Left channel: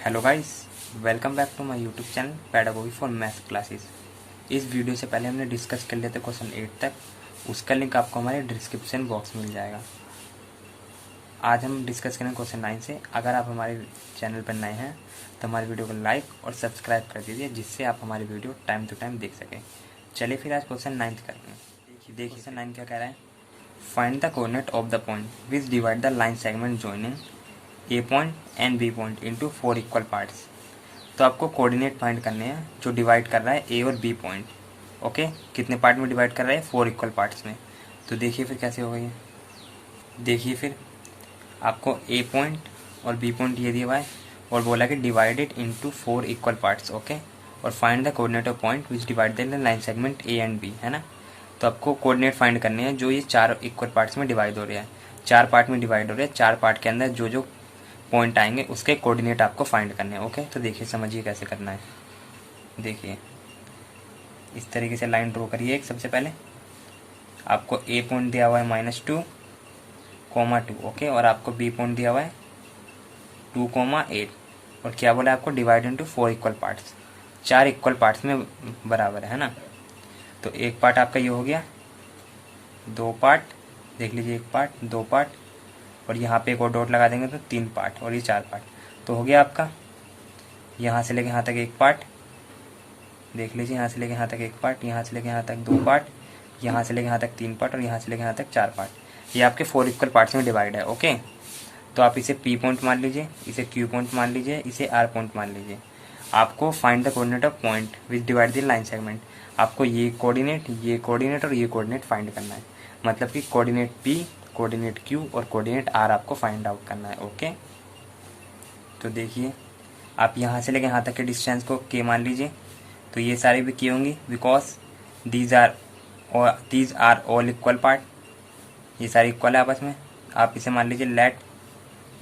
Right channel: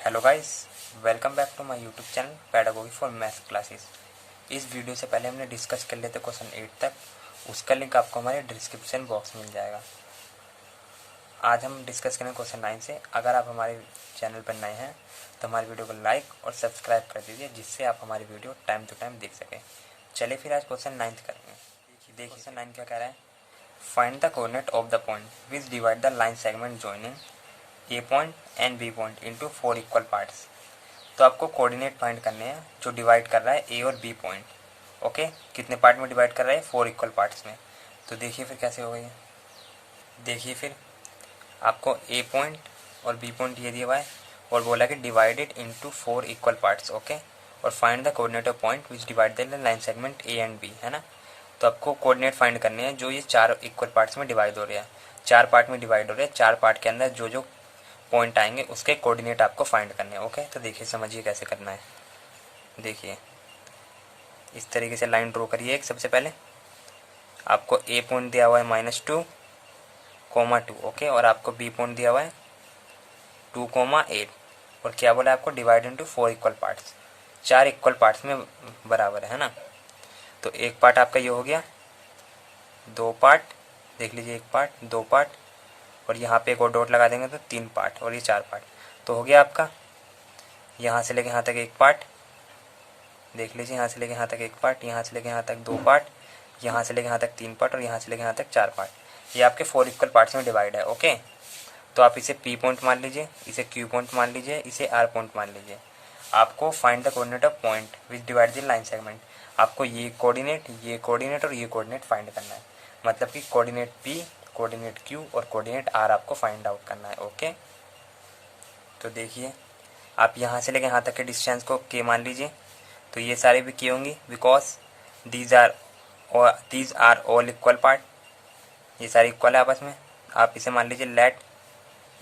Hello guys, welcome back to my YouTube channel pedagogy for math classes. इस video से पहले हमने discuss कर लेते क्वेश्चन 8 तक, उसका लिंक आपको हमारे डिस्क्रिप्शन बॉक्स में मिल जाएगा। आज हम डिस्कस करेंगे क्वेश्चन 9 से। अगर आप हमारे चैनल पर नए हैं तो हमारे वीडियो को लाइक और सब्सक्राइब कर दीजिए, जिससे आप हमारी वीडियो टाइम टू टाइम देख सकें। चलिए फिर आज क्वेश्चन 9 करते हैं। देखिए क्वेश्चन 9 क्या कह रहा है, find the coordinate of the point which divide the line segment joining A point and B point into 4 equal parts. तो आपको कोऑर्डिनेट फाइंड करने हैं जो डिवाइड कर रहा है ए और बी पॉइंट। ओके, कितने पार्ट में डिवाइड कर रहा है? 4 इक्वल पार्ट्स में। तो देखिए फिर कैसे होगा ये। देखिए फिर आपको ए पॉइंट और बी पॉइंट ये दिया हुआ है और बोला कि divided into 4 equal parts. Okay, और find the coordinate of point which divide the line segment A and B, है ना। तो आपको कोऑर्डिनेट फाइंड करने हैं जो ये 4 इक्वल पार्ट्स में डिवाइड हो रहे हैं। 4 पार्ट में डिवाइड हो रहे हैं, 4 पार्ट के अंदर जो जो पॉइंट आएंगे उसके कोऑर्डिनेट आपको फाइंड करने हैं। ओके, तो देखिए समझिए कैसे करना है। देखिए इस तरीके से लाइन ड्रॉ करिए। एक सबसे पहले आपको ए पॉइंट दिया हुआ है -2, 2। ओके, और आपको बी पॉइंट दिया हुआ है 2, 8। और क्या बोला आपको? Divide into 4 equal parts. 4 equal parts में बराबर है ना। तो एक पार्ट आपका ये हो गया, 2 पार्ट, देख लीजिए, एक पार्ट, 2 पार्ट, और यहाँ पे एक और डॉट लगा देंगे तो 3 पार्ट, और ये 4 पार्ट। तो हो गया आपका यहाँ से लेके यहाँ तक एक पार्ट, देख लीजिए, यहाँ से लेके यहाँ तक एक पार्ट, यहाँ से लेके यहाँ तक 2 पार्ट, यहाँ से लेके यहाँ तक 3 पार्ट, और यहाँ से लेके यहाँ तक 4 पार्ट। ये आपके 4 इक्वल पार्ट्स में डिवाइड है। ओके, तो आप इसे पी पॉइंट मान लीजिए, इसे क्यू पॉइंट मान लीजिए, इसे आर पॉइंट मान लीजिए। आपको find the coordinate of point which divide the line segment. आपको ये कोऑर्डिनेट और ये कोऑर्डिनेट फाइंड करना है। मतलब कि कोऑर्डिनेट पी, कोऑर्डिनेट क्यू और कोऑर्डिनेट आर आपको फाइंड आउट करना है। ओके, तो देखिए आप यहाँ से लेके यहाँ तक के डिस्टेंस को के मान लीजिए। तो ये सारे भी के होंगी, because these are all equal part. ये सारे इक्वल है आपस में। आप इसे मान लीजिए लेट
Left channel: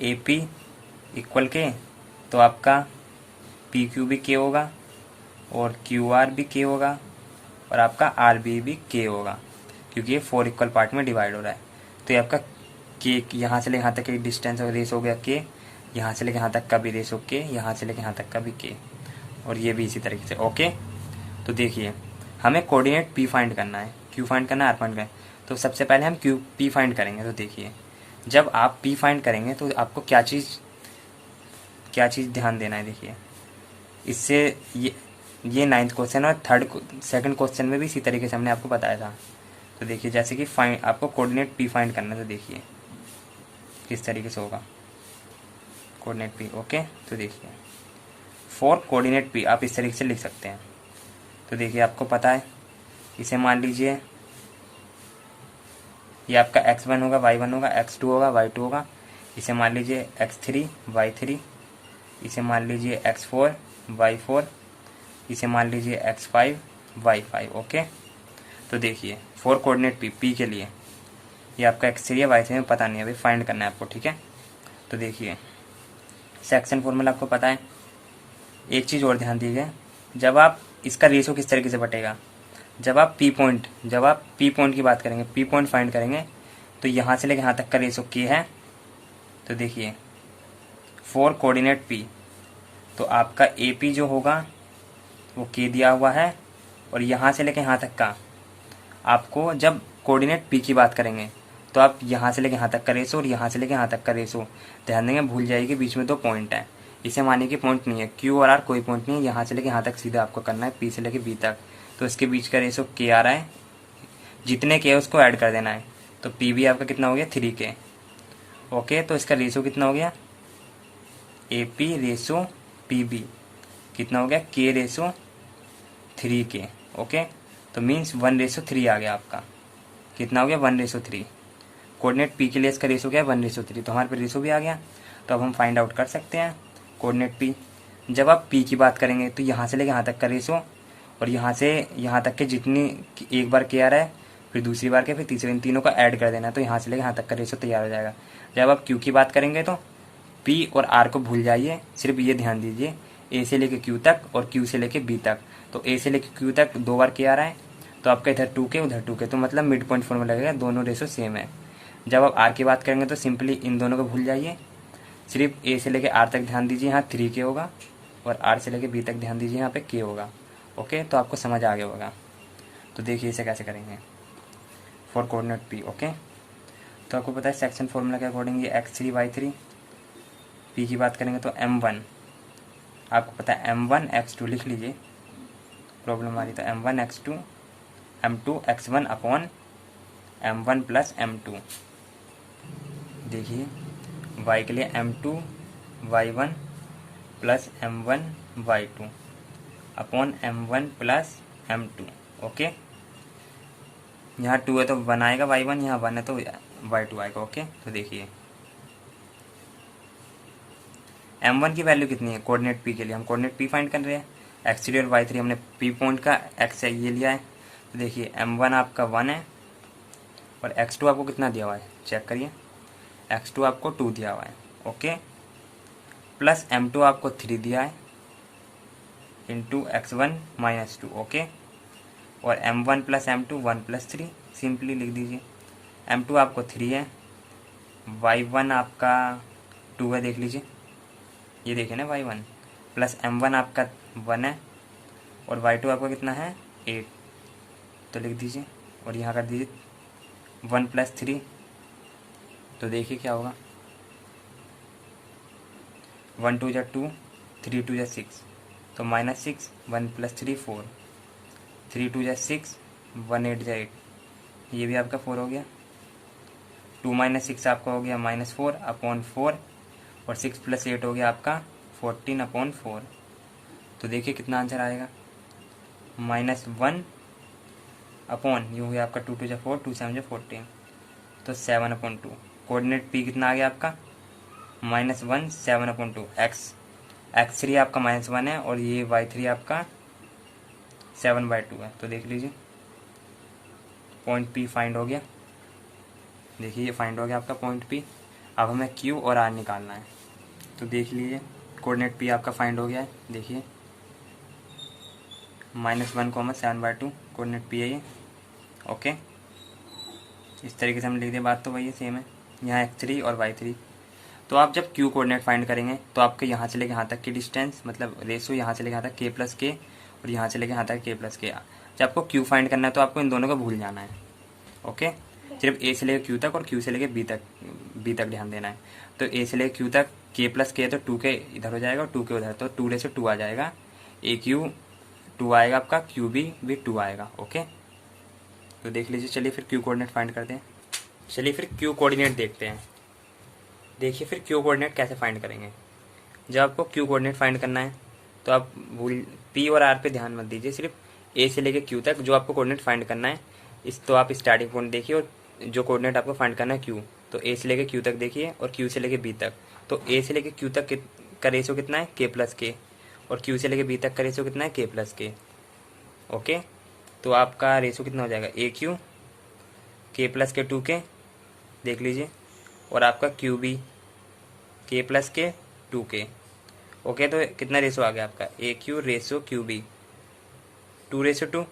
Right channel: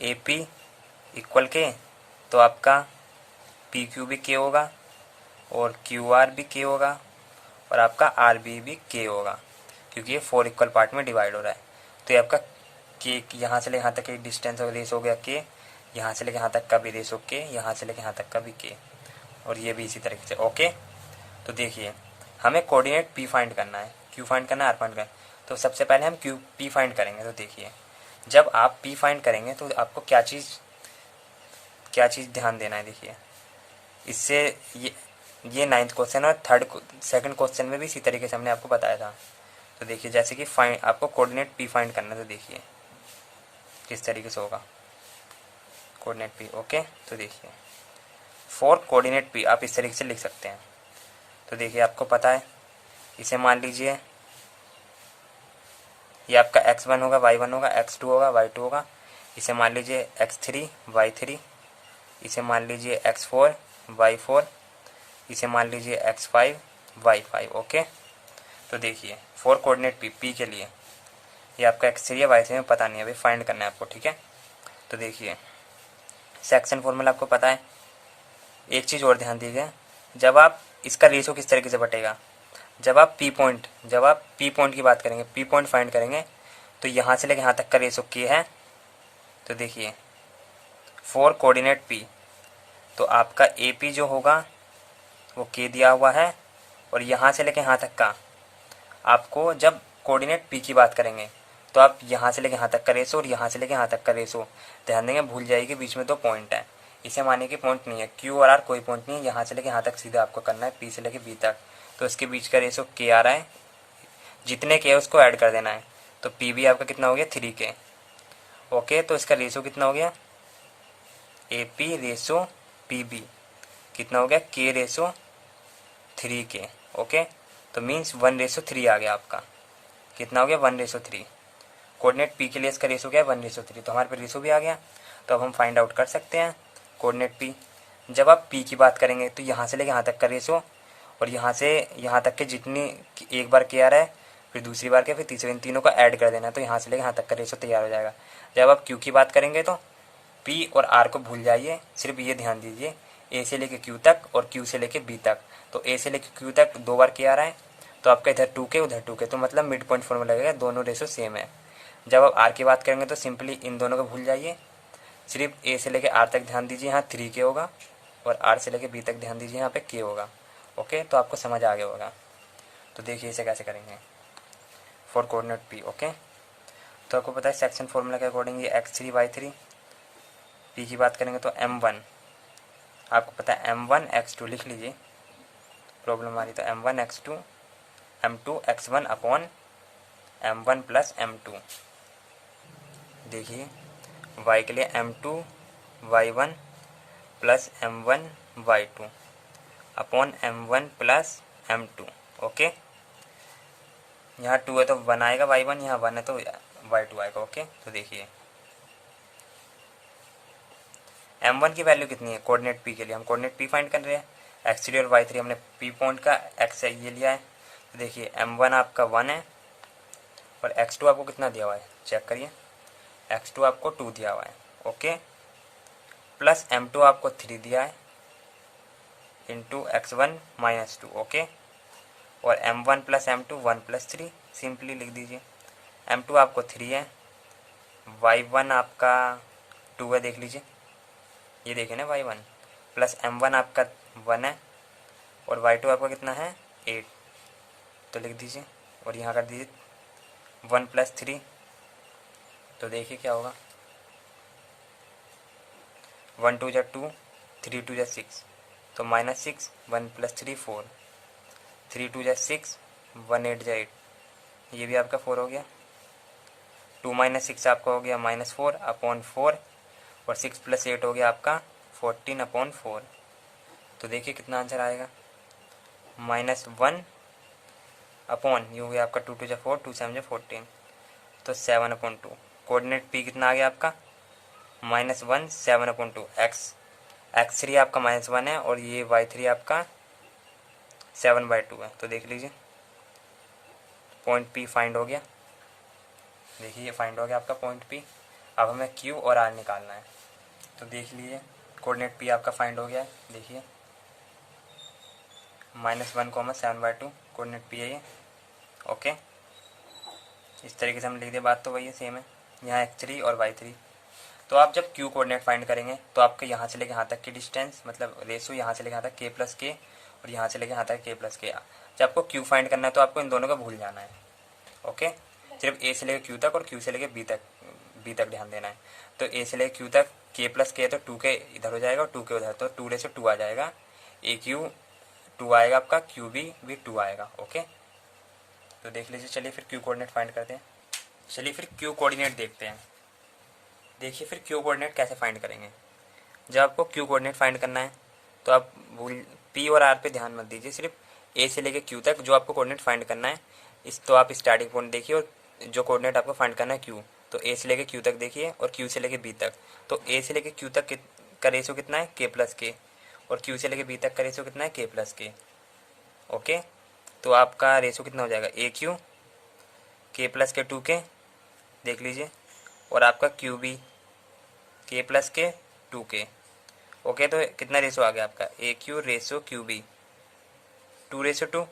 ए पी इक्वल के, तो आपका पी क्यू भी के होगा और क्यू आर भी के होगा और आपका आर बी भी के होगा, क्योंकि ये 4 इक्वल पार्ट में डिवाइड हो रहा है। तो ये आपका के यहाँ से लेके यहाँ तक की डिस्टेंस रेस हो गया के, यहाँ से लेके यहाँ तक का भी रेस हो के, यहाँ से लेके यहाँ तक का भी के, और ये भी इसी तरीके से। ओके, तो देखिए हमें कोऑर्डिनेट पी फाइंड करना है, क्यू फाइंड करना है, आर फाइंड करना है। तो सबसे पहले हम क्यू पी फाइंड करेंगे। तो देखिए जब आप पी फाइंड करेंगे तो आपको क्या चीज़ ध्यान देना है। देखिए इससे ये 9th क्वेश्चन और सेकंड क्वेश्चन में भी इसी तरीके से हमने आपको बताया था। तो देखिए जैसे कि आपको कोऑर्डिनेट पी फाइंड करना है, तो देखिए किस तरीके से होगा कोऑर्डिनेट पी। ओके, तो देखिए फॉर कोऑर्डिनेट पी आप इस तरीके से लिख सकते हैं। तो देखिए आपको पता है, इसे मान लीजिए ये आपका x1 होगा, y1 होगा, x2 होगा, y2 होगा। इसे मान लीजिए x3, y3, इसे मान लीजिए x4, y4, इसे मान लीजिए x5, y5। ओके, तो देखिए फॉर कोऑर्डिनेट पी के लिए ये आपका x3 है, y3 में पता नहीं है, अभी फाइंड करना है आपको। ठीक है, तो देखिए सेक्शन फॉर्मूला आपको पता है। एक चीज़ और ध्यान दीजिए, जब आप इसका रेशो किस तरीके से बटेगा, जब आप पी पॉइंट की बात करेंगे, पी पॉइंट फाइंड करेंगे, तो यहाँ से लेकर यहाँ तक का रेशो के है। तो देखिए फॉर कोऑर्डिनेट पी, तो आपका ए पी जो होगा वो के दिया हुआ है, और यहाँ से लेकर यहाँ तक का आपको, जब कोऑर्डिनेट पी की बात करेंगे तो आप यहाँ से लेकर यहाँ तक का रेशो और यहाँ से लेकर यहाँ तक का रेशो ध्यान देंगे। भूल जाइए बीच में 2 पॉइंट है, इसे मानिए कि पॉइंट नहीं है, क्यू और आर कोई पॉइंट नहीं है। यहाँ से लेकर यहाँ तक सीधा आपको करना है, पी से लेकर बी तक। तो इसके बीच का रेशो के आ रहा है, जितने के है उसको ऐड कर देना है। तो पी भी आपका कितना हो गया? 3 के। ओके, तो इसका रेशो कितना हो गया? A P ratio P B कितना हो गया? के रेशो 3 के। ओके, तो मीन्स 1:3 आ गया आपका। कितना हो गया? 1:3। कोऑर्डिनेट पी के लिए इसका रेशो क्या है? 1:3। तो हमारे पे रेशो भी आ गया। तो अब हम फाइंड आउट कर सकते हैं कोऑर्डिनेट पी। जब आप पी की बात करेंगे तो यहाँ से लेकर यहाँ तक का रेशो और यहाँ से यहाँ तक के जितनी, एक बार के आ रहा है, फिर दूसरी बार के, फिर तीसरे, इन तीनों को ऐड कर देना है। तो यहाँ से लेकर यहाँ तक का रेशो तैयार हो जाएगा। जब आप क्यू की बात करेंगे तो पी और आर को भूल जाइए, सिर्फ ये ध्यान दीजिए ए से लेके क्यू तक और क्यू से लेके बी तक। तो ए से लेके क्यू तक 2 बार के आ रहा है, तो आपका इधर 2 के उधर 2 के, तो मतलब मिड पॉइंट फॉर्मूला लगेगा, दोनों रेशो सेम है। जब आप आर की बात करेंगे तो सिंपली इन दोनों को भूल जाइए, सिर्फ ए से लेके आर तक ध्यान दीजिए, यहाँ 3K होगा, और आर से लेके बी तक ध्यान दीजिए, यहाँ पे K होगा। ओके, तो आपको समझ आ गया होगा। तो देखिए इसे कैसे करेंगे फॉर कोऑर्डिनेट P। ओके, तो आपको पता है सेक्शन फॉर्मूला के अकॉर्डिंग ये x3 y3, P की बात करेंगे तो m1, आपको पता है m1 x2 लिख लीजिए, प्रॉब्लम आ रही तो m1 x2 m2 x1 upon m1 plus m2। देखिए y के लिए m2 y1 plus m1 y2 upon m1 plus m2। Okay, यहाँ 2 है तो 1 आएगा y1, यहाँ 1 है तो y2 आएगा। ओके, तो देखिए m1 की वैल्यू कितनी है कोऑर्डिनेट P के लिए, हम कोऑर्डिनेट P फाइंड कर रहे हैं, x3 और y3 हमने P पॉइंट का x है ये लिया है। तो देखिए m1 आपका 1 है, और x2 आपको कितना दिया हुआ है चेक करिए, x2 आपको 2 दिया हुआ है। ओके, प्लस m2 आपको 3 दिया है इंटू x1 माइनस 2। ओके, और m1 plus m2 1 plus 3, simply लिख दीजिए। m2 आपको 3 है, y1 आपका 2 है, देख लीजिए ये देखिए ना y1, प्लस m1 आपका 1 है, और y2 आपका कितना है 8, तो लिख दीजिए, और यहाँ कर दीजिए 1 प्लस 3। तो देखिए क्या होगा, 1 2 जा 2, 3 2 जा 6, तो माइनस 6, 1 प्लस 3 4, 3 2 जा 6, 1 8 जा 8, ये भी आपका 4 हो गया। 2 माइनस 6 आपका हो गया माइनस 4 अपॉन 4, और 6 प्लस 8 हो गया आपका 14 अपॉन 4। तो देखिए कितना आंसर आएगा, -1 अपॉन ये हो गया आपका 2 2 जा 4, 2 7 जा 14, तो 7 अपॉन 2। कोऑर्डिनेट P कितना आ गया आपका -1 7 अपॉन 2। x3 आपका -1 है, और ये y3 आपका 7/2 है। तो देख लीजिए पॉइंट P फाइंड हो गया। देखिए ये फाइंड हो गया आपका पॉइंट P। अब हमें Q और R निकालना है। तो देख लीजिए कोऑर्डिनेट P आपका फाइंड हो गया है। देखिए -1, 7/2 कोऑर्डिनेट P है ये। ओके, इस तरीके से हम लिख दें, बात तो वही है, सेम है। यहाँ x3 और y3। तो आप जब Q कोऑर्डिनेट फाइंड करेंगे तो आपके यहाँ से लेके यहाँ तक की डिस्टेंस, मतलब रेशो यहाँ से लेके यहाँ तक k प्लस के, और यहाँ से लेके यहाँ तक k प्लस के। जब आपको Q फाइंड करना है तो आपको इन दोनों को भूल जाना है। ओके, सिर्फ A से लेके Q तक और Q से लेके B तक ध्यान देना है। तो A से लेके Q तक k प्लस के, तो 2k इधर हो जाएगा और 2k उधर, तो 2 आ जाएगा। AQ 2 आएगा आपका, QB भी 2 आएगा। ओके, तो देख लीजिए। चलिए फिर Q कोऑर्डिनेट फाइंड करते हैं। चलिए फिर Q कोऑर्डिनेट देखते हैं। देखिए फिर Q कोऑर्डिनेट कैसे फाइंड करेंगे। जब आपको Q कोऑर्डिनेट फाइंड करना है तो आप P और R पे ध्यान मत दीजिए, सिर्फ A से लेके Q तक जो आपको कोऑर्डिनेट फाइंड करना है। तो आप स्टार्टिंग पॉइंट देखिए, और जो कोऑर्डिनेट आपको फाइंड करना है Q, तो A से लेके Q तक देखिए, और Q से लेके B तक। तो A से लेके Q तक का रेशियो कितना है k प्लस के, और Q से लेके B तक का रेशियो कितना है k प्लस के। ओके, तो आपका रेशियो कितना हो जाएगा AQ k प्लस के 2k, देख लीजिए, और आपका QB k प्लस के 2k। ओके, तो कितना रेशो आ गया आपका AQ रेशो QB 2:2,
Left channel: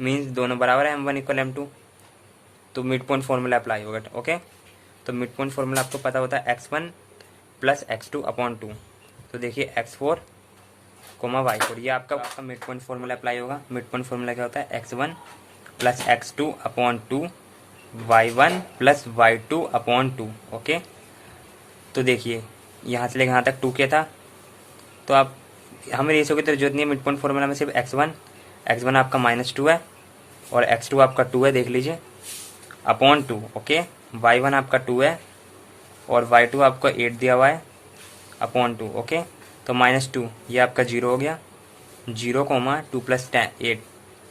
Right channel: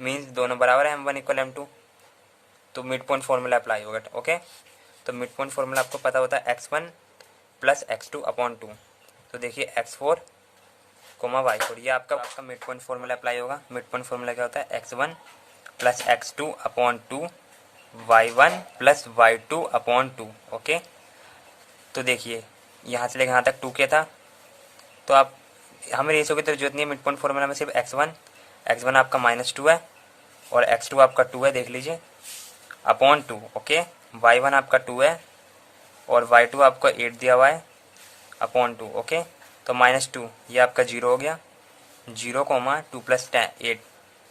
मीन्स दोनों बराबर है, m1 इक्वल m2। तो मिड पॉइंट फॉर्मूला अप्लाई होगा। ओके, तो मिड पॉइंट फॉर्मूला आपको पता होता है x1 प्लस x2 अपॉन 2। तो देखिए x4 y4, ये आपका मिड पॉइंट फॉर्मूला अप्लाई होगा। मिड पॉइंट फॉर्मूला क्या होता है, x1 plus x2 upon 2, y1 plus y2 upon 2। Okay, तो देखिए यहाँ से लेकर यहाँ तक 2k था, तो आप हमें रेशो की तरफ जरूरत नहीं है। मिड पॉइंट फॉर्मूला में सिर्फ x1 आपका -2 है, और x2 आपका 2 है, देख लीजिए, अपॉन 2। ओके, y1 आपका 2 है, और y2 आपका 8 दिया हुआ है, अपॉन 2। ओके, तो -2 ये आपका 0 हो गया, 0, 2 प्लस 8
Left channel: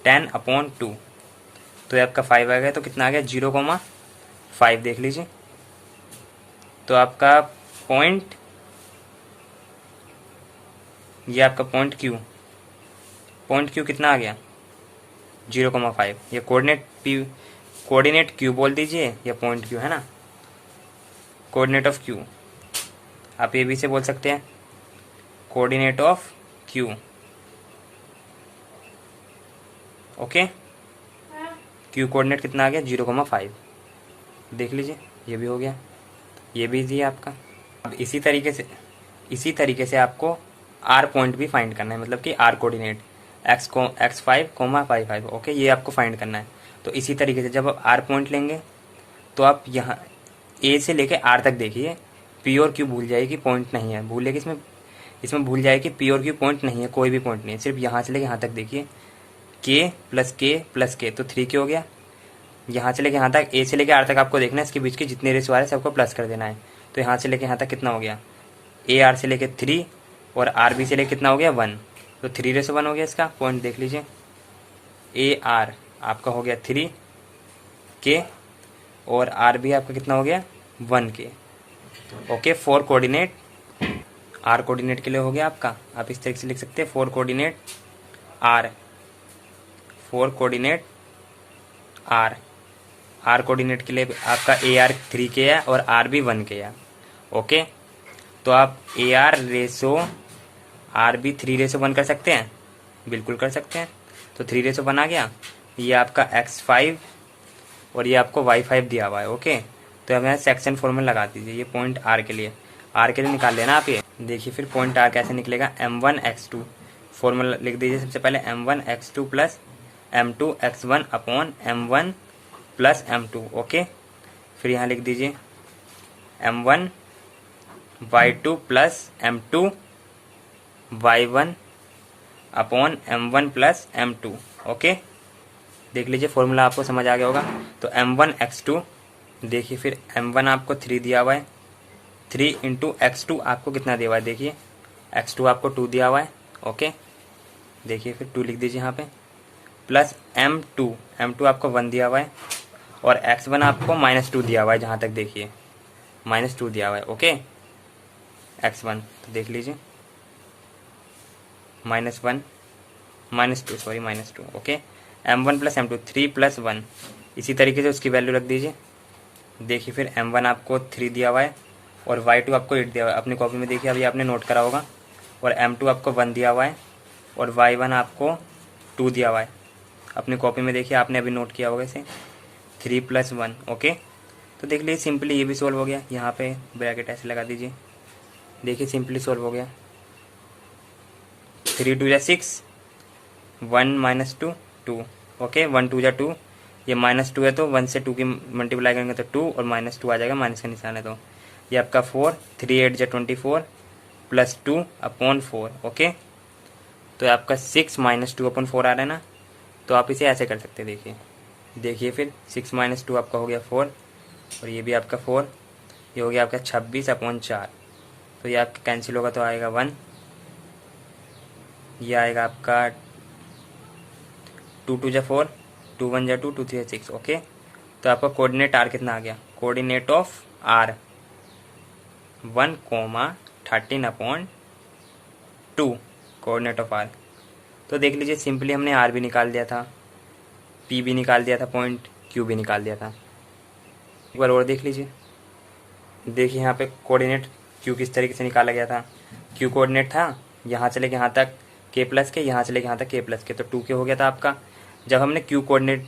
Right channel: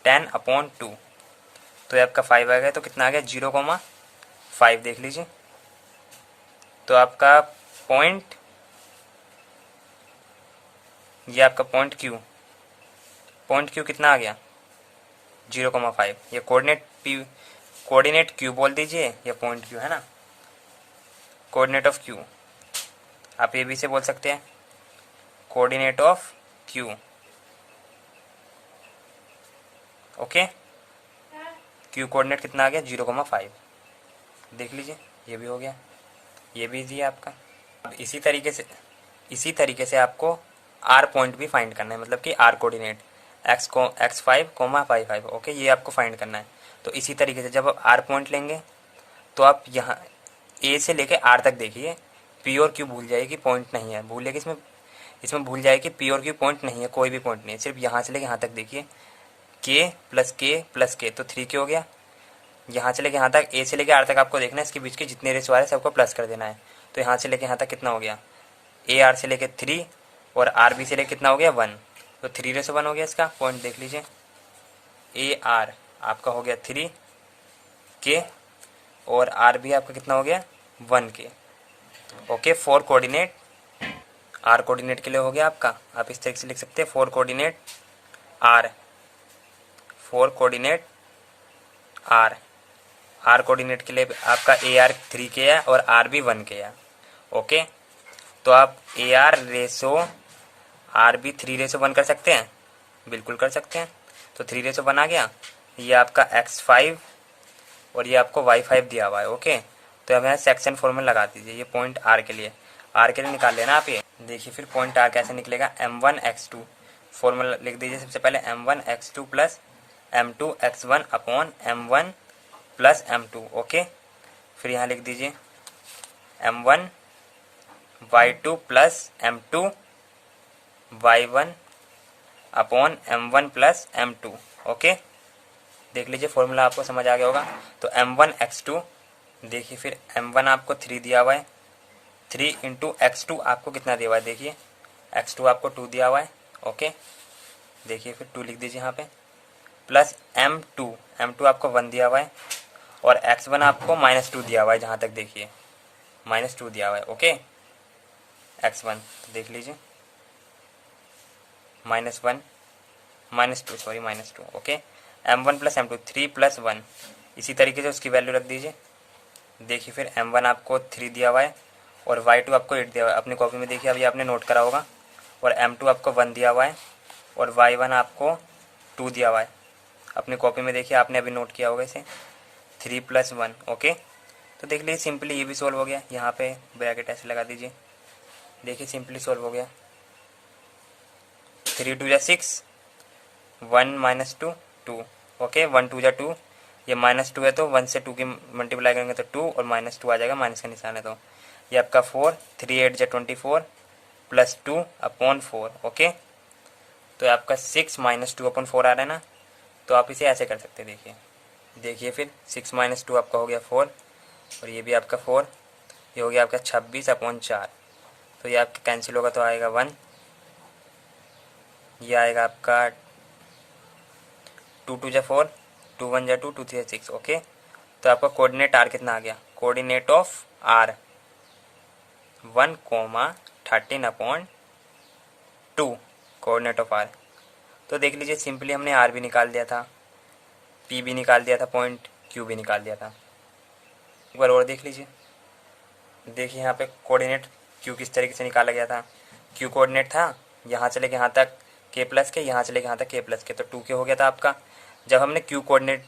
10 अपॉन 2, तो ये आपका 5 आ गया। तो कितना आ गया 0,5, देख लीजिए। तो आपका पॉइंट, ये आपका पॉइंट Q कितना आ गया 0,5। ये कोऑर्डिनेट Q बोल दीजिए, या पॉइंट Q है ना, कोऑर्डिनेट ऑफ Q। आप ये भी से बोल सकते हैं coordinate of Q। Okay, Q coordinate कितना आ गया 0,5, देख लीजिए, ये भी हो गया, ये भी इजी है आपका। अब इसी तरीके से आपको आर पॉइंट भी फाइंड करना है, मतलब कि आर कोऑर्डिनेट x5, 5, 5, ओके, ये आपको फाइंड करना है। तो इसी तरीके से जब आप आर पॉइंट लेंगे तो आप यहाँ ए से लेके आर तक देखिए, पी और क्यू भूल जाइए कि पॉइंट नहीं है, भूलेगी इसमें भूल जाए कि पी और क्यू पॉइंट नहीं है, कोई भी पॉइंट नहीं है, सिर्फ यहाँ से लेके यहाँ तक देखिए, के प्लस के तो 3 के हो गया। यहाँ से लेके यहाँ तक, ए से लेके आर तक आपको देखना है, इसके बीच के जितने रेशो आ रहे हैं सबको प्लस कर देना है। तो यहाँ से लेके यहाँ तक कितना हो गया, ए आर से लेके 3 और आर बी से लेके कितना हो गया 1, तो 3:1 हो गया। इसका पॉइंट देख लीजिए, ए आर आपका हो गया 3 के और आर बी आपका कितना हो गया 1 के, ओके। 4 कोऑर्डिनेट आर कोऑर्डिनेट के लिए हो गया आपका, आप इस तरीके से लिख सकते हैं 4 coordinate R, 4 coordinate R, R coordinate के लिए आपका ए आर 3 के है और आर बी 1 के है, ओके। तो आप A R ratio R B 3:1 कर सकते हैं, बिल्कुल कर सकते हैं। तो 3:1 आ गया, ये आपका x5 और ये आपको y5 दिया हुआ है, ओके। तो अब यहाँ सेक्शन फॉर्मूला लगा दीजिए, ये पॉइंट आर के लिए निकाल लेना आप। ये देखिए फिर पॉइंट आर कैसे निकलेगा, m1x2 फॉर्मूला लिख दीजिए सबसे पहले, m1x2 plus m2x1 upon m1 plus m2, okay. फिर यहाँ लिख दीजिए m1y2 plus m2 y1 upon m1 plus m2, okay. देख लीजिए फॉर्मूला आपको समझ आ गया होगा। तो m1x2 देखिए, फिर m1 आपको 3 दिया हुआ है, 3 इंटू x2 आपको कितना दिया हुआ है, देखिए x2 आपको 2 दिया हुआ है, ओके। देखिए फिर 2 लिख दीजिए यहाँ पे, प्लस m2 आपको 1 दिया हुआ है और x1 आपको -2 दिया हुआ है, जहाँ तक देखिए -2 दिया हुआ है, ओके। x1 तो देख लीजिए -2, okay. m1 plus m2 3 plus 1, इसी तरीके से उसकी वैल्यू रख दीजिए। देखिए फिर m1 आपको 3 दिया हुआ है और y2 आपको 8 दिया हुआ है, अपनी कॉपी में देखिए, अभी आपने नोट करा होगा। और m2 आपको 1 दिया हुआ है और y1 आपको 2 दिया हुआ है, अपनी कॉपी में देखिए, आपने अभी नोट किया होगा इसे, 3 प्लस 1, ओके। तो देख लीजिए सिंपली ये भी सोल्व हो गया, यहाँ पे ब्रैकेट ऐसे लगा दीजिए, देखिए सिंपली सोल्व हो गया। 3 2 6, 1 -2 2, ओके। 1 2 2, ये -2 है तो 1 से 2 की मल्टीप्लाई करेंगे तो 2 और -2 आ जाएगा, माइनस का निशान है तो ये आपका 4, 3 8 24 प्लस 2 अपॉन 4, ओके। तो ये आपका 6 -2 अपॉन 4 आ रहा है ना, तो आप इसे ऐसे कर सकते हैं। देखिए फिर 6 -2 आपका हो गया 4 और ये भी आपका 4, ये हो गया आपका 26 अपॉन 4, तो ये आपका कैंसिल होगा तो आएगा 1, ये आएगा आपका 2 2 4, 2 1 2, 2 3 6, ओके। तो आपका कोऑर्डिनेट आर कितना आ गया, coordinate of R 1,13/2 coordinate of R. तो देख लीजिए सिंपली हमने आर भी निकाल दिया था, पी भी निकाल दिया था, पॉइंट क्यू भी निकाल दिया था। एक बार और देख लीजिए, देखिए यहाँ पे कोऑर्डिनेट क्यू किस तरीके से निकाला गया था। क्यू कोऑर्डिनेट था यहाँ से लेके यहाँ तक के प्लस के, यहाँ से लेके यहाँ तक के प्लस के, तो 2 के हो गया था आपका। जब हमने क्यू कोऑर्डिनेट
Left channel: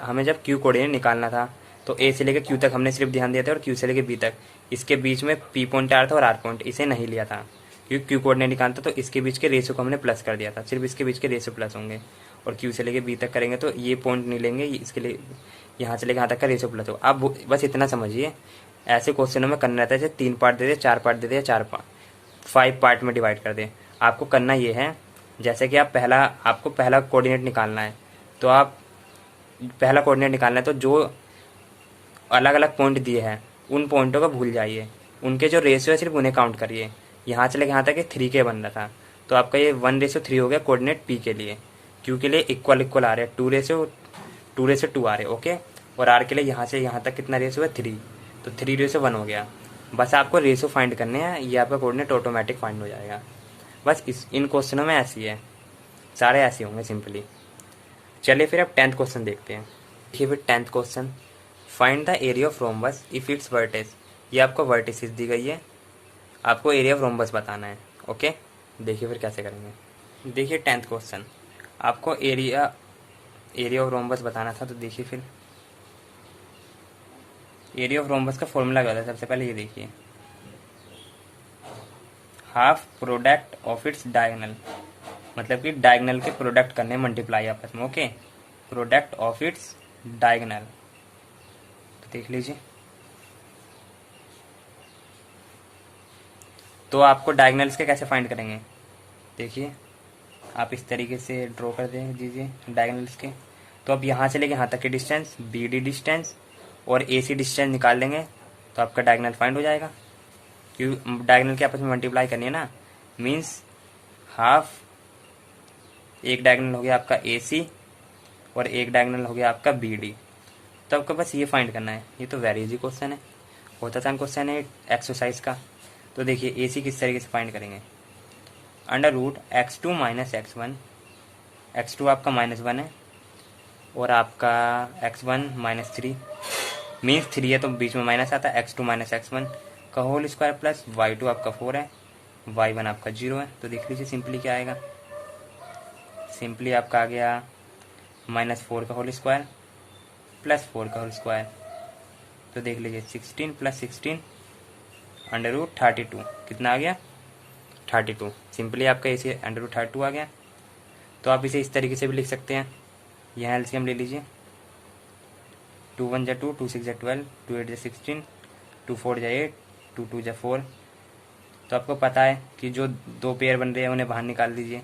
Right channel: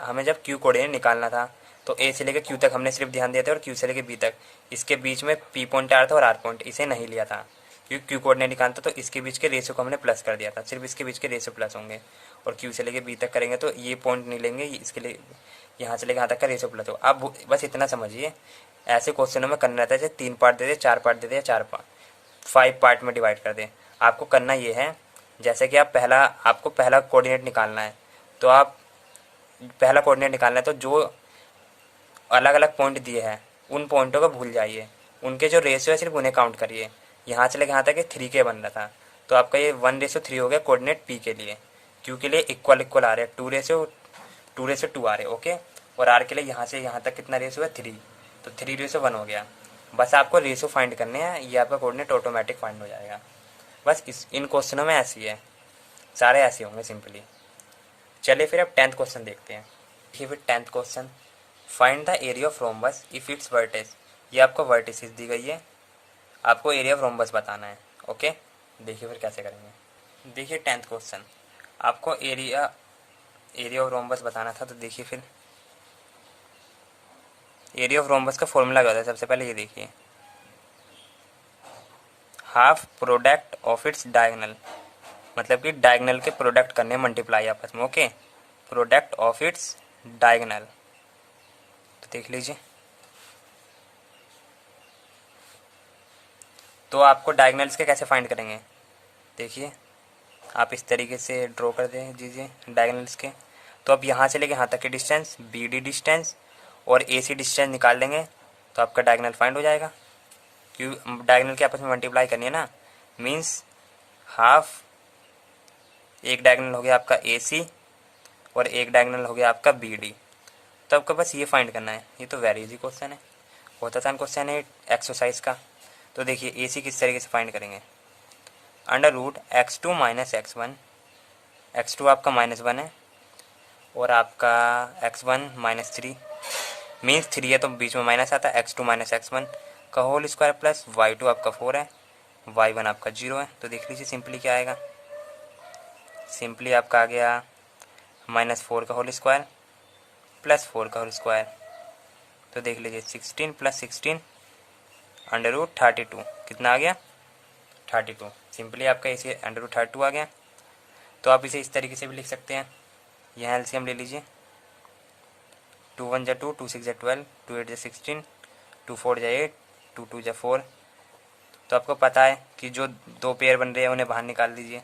हमें जब क्यू कोऑर्डिनेट निकालना था तो ए से लेके क्यू तक हमने सिर्फ ध्यान दिया था और क्यू से लेके बी तक, इसके बीच में पी पॉइंट आ रहा था और आर पॉइंट, इसे नहीं लिया था क्योंकि क्यू कोऑर्डिनेट निकालना था, तो इसके बीच के रेशो को हमने प्लस कर दिया था, सिर्फ इसके बीच के रेशो प्लस होंगे। और क्यू से लेके बी तक करेंगे तो ये पॉइंट नहीं लेंगे, इसके लिए यहाँ से लेके यहाँ तक का रेशो प्लस हो। आप बस इतना समझिए, ऐसे क्वेश्चनों में करना रहता है, जैसे 3 पार्ट दे दे, 4 पार्ट दे दे, 5 पार्ट में डिवाइड कर दे। आपको करना ये है, जैसे कि आपको पहला कोऑर्डिनेट निकालना है, तो आप पहला कोऑर्डिनेट निकालना है तो जो अलग अलग पॉइंट दिए हैं उन पॉइंटों को भूल जाइए, उनके जो रेशियो है सिर्फ उन्हें काउंट करिए। यहाँ से लेकर यहाँ तक 3 के बन रहा था, तो आपका ये 1:3 हो गया कोऑर्डिनेट पी के लिए, क्यू के लिए इक्वल आ रहे हैं, 2:2 आ रहे हैं, ओके। और आर के लिए यहाँ से यहाँ तक कितना रेशियो है 3, तो 3:1 हो गया। बस आपको रेशियो फाइंड करने हैं, ये आपका कोऑर्डिनेट ऑटोमेटिक फाइंड हो जाएगा। बस इन क्वेश्चनों में ऐसी है, सारे ऐसे होंगे सिंपली। चलिए फिर अब 10th क्वेश्चन देखते हैं। देखिए फिर 10th question, find the area of rhombus if it's vertex. ये आपको वर्टिसेस दी गई है, आपको एरिया ऑफ रोम्बस बताना है, ओके। देखिए फिर कैसे करेंगे। देखिए 10th क्वेश्चन, आपको एरिया ऑफ रोम्बस बताना था, तो देखिए फिर एरिया ऑफ रोम्बस का फॉर्मूला क्या होता है। सबसे पहले ये देखिए, half product of its diagonal, मतलब कि डायगनल के प्रोडक्ट करने मल्टीप्लाई आपस में। Okay, product of its diagonal. तो देख लीजिए, तो आपको डायगनल्स के कैसे फाइंड करेंगे, देखिए आप इस तरीके से ड्रॉ कर दे दीजिए डायगनल्स के। तो अब यहाँ से लेके यहाँ तक की डिस्टेंस BD डिस्टेंस और AC डिस्टेंस निकाल लेंगे तो आपका डायगनल फाइंड हो जाएगा। क्योंकि डायगनल के आपस में मल्टीप्लाई करनी है ना, मीन्स हाफ, एक डायगनल हो गया आपका AC और एक डायगनल हो गया आपका BD। तो आपको बस ये फाइंड करना है। ये तो वेरी इजी क्वेश्चन है, बहुत आसान क्वेश्चन है एक्सरसाइज का। तो देखिए AC किस तरीके से फाइंड करेंगे, under root x2 minus x1, x2 आपका -1 है और आपका x1 -3, मीन्स 3 है तो बीच में माइनस आता है, x2 माइनस x1 का होल स्क्वायर प्लस y2 आपका 4 है, y1 आपका 0 है। तो देख लीजिए सिंपली क्या आएगा, सिंपली आपका आ गया -4 का होल स्क्वायर प्लस 4 का होल स्क्वायर। तो देख लीजिए 16 प्लस 16 अंडर रूट 32, कितना आ गया 32। सिंपली आपका इसे अंडर रूट 32 आ गया। तो आप इसे इस तरीके से भी लिख सकते हैं, यहाँ एलसीएम ले लीजिए, 2 1 जा 2, 2 6 जा 12, 2 8 जा 16, 2 4 जा 8, 2 2 जा 4। तो आपको पता है कि जो दो पेयर बन रहे हैं उन्हें बाहर निकाल दीजिए।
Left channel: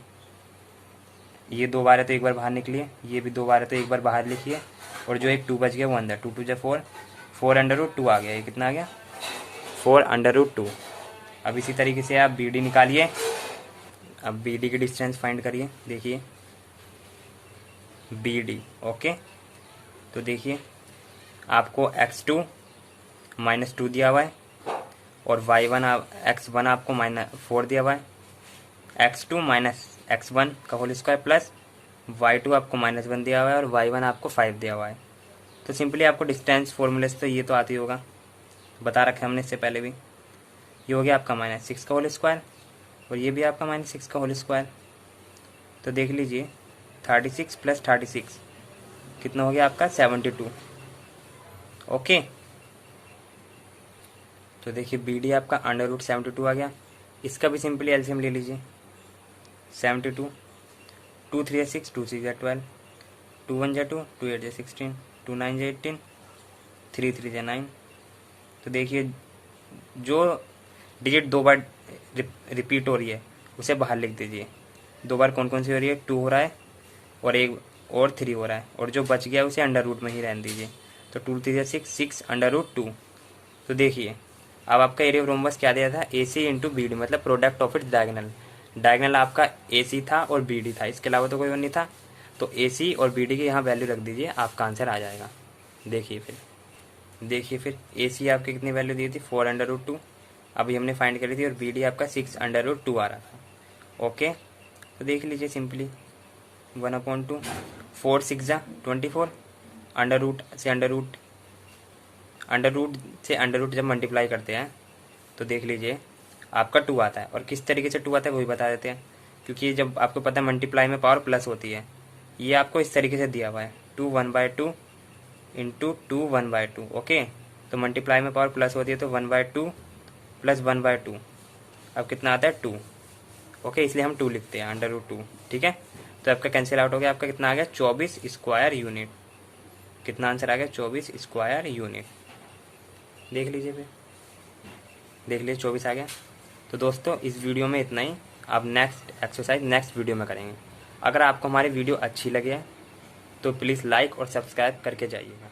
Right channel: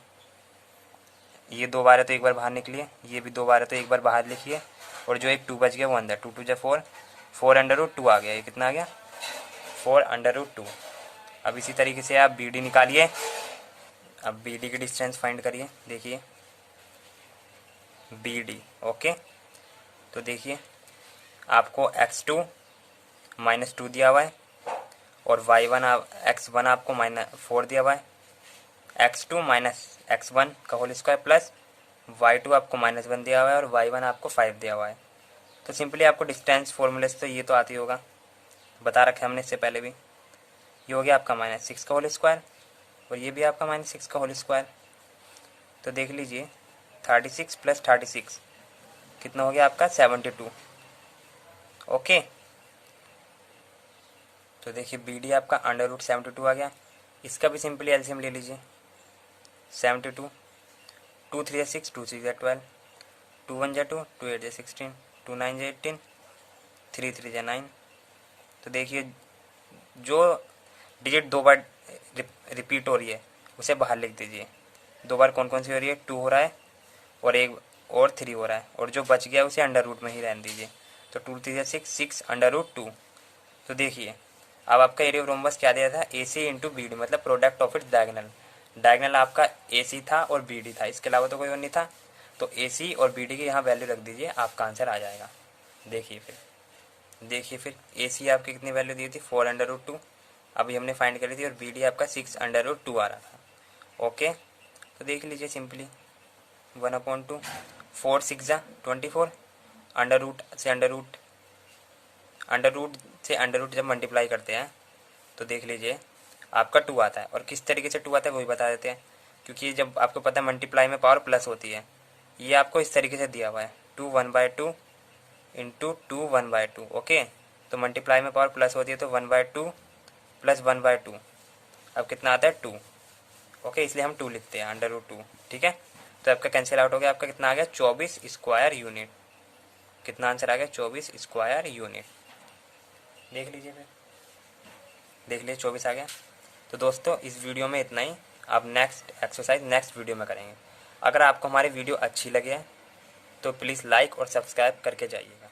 ये 2 बार है तो एक बार बाहर निकलिए, ये भी 2 बार है तो एक बार बाहर लिखिए, और जो एक 2 बच गया वो अंदर, 2 2 जा 4, 4 अंडर रूट 2 आ गया। ये कितना आ गया 4 अंडर रूट 2। अब इसी तरीके से आप BD निकालिए। अब BD की डिस्टेंस फाइंड करिए, देखिए BD। ओके, तो देखिए आपको x2 -2 दिया हुआ है और x1 आपको -4 दिया हुआ है, x2 माइनस x1 का होल स्क्वायर प्लस y2 आपको -1 दिया हुआ है और y1 आपको 5 दिया हुआ है। तो सिंपली आपको डिस्टेंस फॉर्मूले से तो ये तो आती होगा, बता रखा हमने इससे पहले भी। ये हो गया आपका -6 का होल स्क्वायर और ये भी आपका -6 का होल स्क्वायर। तो देख लीजिए 36 प्लस 36 कितना हो गया आपका 72। ओके, तो देखिए BD आपका अंडर रूट 72 आ गया। इसका भी सिंपली एलसीएम ले लीजिए, 72, 2 3 जा 6, 2 6 जा 12, 2 1 जा 2, 2 8 जा 16, 2 9 जा 18, 3 3 जा 9। तो देखिए जो डिजिट 2 बार रिपीट हो रही है उसे बाहर लिख दीजिए। 2 बार कौन कौन सी हो रही है, 2 हो रहा है और एक और 3 हो रहा है, और जो बच गया उसे अंडर रूट में ही रहने दीजिए। तो 2 3 जा 6, 6 अंडर रूट 2। तो देखिए अब आपका एरिया ऑफ रोम्बस क्या दिया था, AC इंटू BD, मतलब product of its diagonal. Diagonal आपका AC था और BD था, इसके अलावा तो कोई और नहीं था। तो AC और BD की यहाँ वैल्यू रख दीजिए, आपका आंसर आ जाएगा। देखिए फिर AC आपकी कितनी वैल्यू दी थी, 4 अंडर रूट 2, अभी हमने फाइंड करी थी, और BD आपका 6 अंडर रूट 2 आ रहा था। ओके, तो देख लीजिए सिंपली 1/2, 4 6 जा 24, अंडर रूट से अंडर रूट जब मल्टीप्लाई करते हैं तो देख लीजिए आपका 2 आता है। और किस तरीके से 2 आता है वही बता देते हैं, क्योंकि जब आपको पता है मल्टीप्लाई में पावर प्लस होती है। ये आपको इस तरीके से दिया हुआ है, 2 1/2 इंटू 2 1/2। ओके, तो मल्टीप्लाई में पावर प्लस होती है तो 1/2 प्लस 1/2, अब कितना आता है 2। ओके, इसलिए हम 2 लिखते हैं, अंडर रूट 2। ठीक है, तो आपका कैंसिल आउट हो गया, आपका कितना आ गया 24 स्क्वायर यूनिट। कितना आंसर आ गया 24 स्क्वायर यूनिट। देख लीजिए 24 आ गया। तो दोस्तों इस वीडियो में इतना ही, अब नेक्स्ट एक्सरसाइज नेक्स्ट वीडियो में करेंगे। अगर आपको हमारी वीडियो अच्छी लगे तो प्लीज़ लाइक और सब्सक्राइब करके जाइएगा।